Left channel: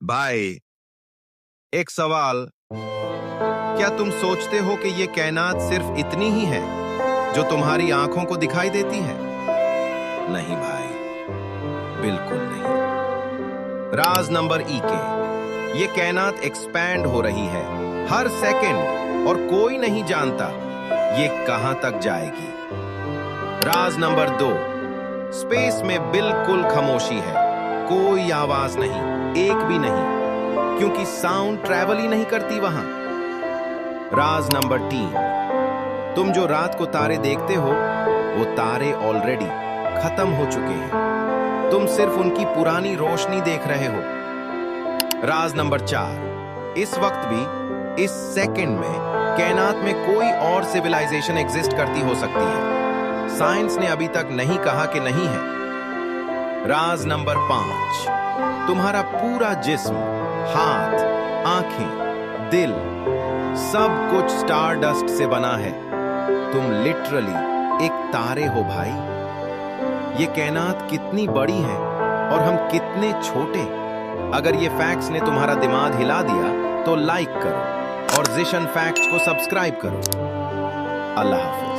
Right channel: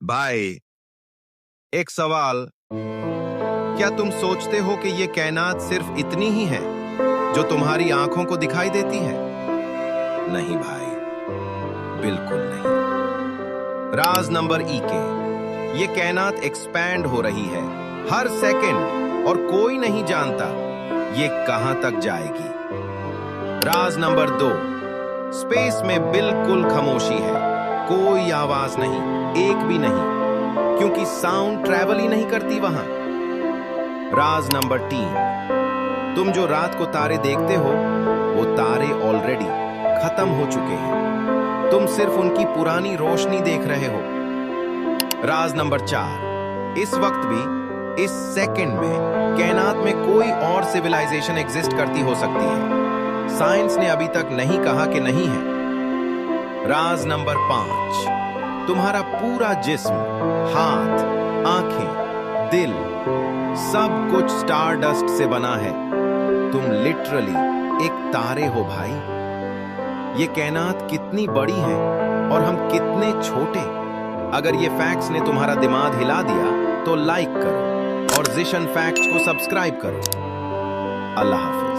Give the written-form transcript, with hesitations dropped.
भाई, एक सवाल। क्या तुम सोचते हो कि ये कायनात सिर्फ इतनी ही है जो तुम्हारी आंखों को दिखाई देती है? नहीं भाई, बिल्कुल नहीं। राज नंबर ई के, ये कायनात एक्सपैंड हो रही है हर सेकंड और कोई नहीं जानता ये कहां तक जाएगी। राज नंबर 2, स्पेस में बिल्कुल खामोशी है, कोई आवाज नहीं, एक भी नहीं, क्योंकि साउंड ट्रैवल ही नहीं करती वहां। राज नंबर 3, तुम जो रात को तारे देखते हो वो तारे ऑलरेडी खत्म हो चुके हैं, तुम सिर्फ उनकी पुरानी रोशनी देख रहे हो। राज नंबर 4, इस वक्त भी, इस सेकंड में कायनात में कोई और सिविलाइजेशन एग्जिस्ट करती हो सकती है, साइंस ने अभी तक नहीं कहा कि नहीं है। राज नंबर 5, तुम्हारा पूरा जिस्म, हाथ, आंखें, दिल, सब कुछ स्टारडस्ट से बना है। तुम लिटरली एक तारे हो भाई। ये कायनात कितनी बड़ी है और हम कितने छोटे। अगर ये फैक्ट्स ने तुम्हारा दिमाग हिला दिया तो लाइक करो और जिशन फैक्ट्स को सब्सक्राइब करो। अल्लाह हाफिज।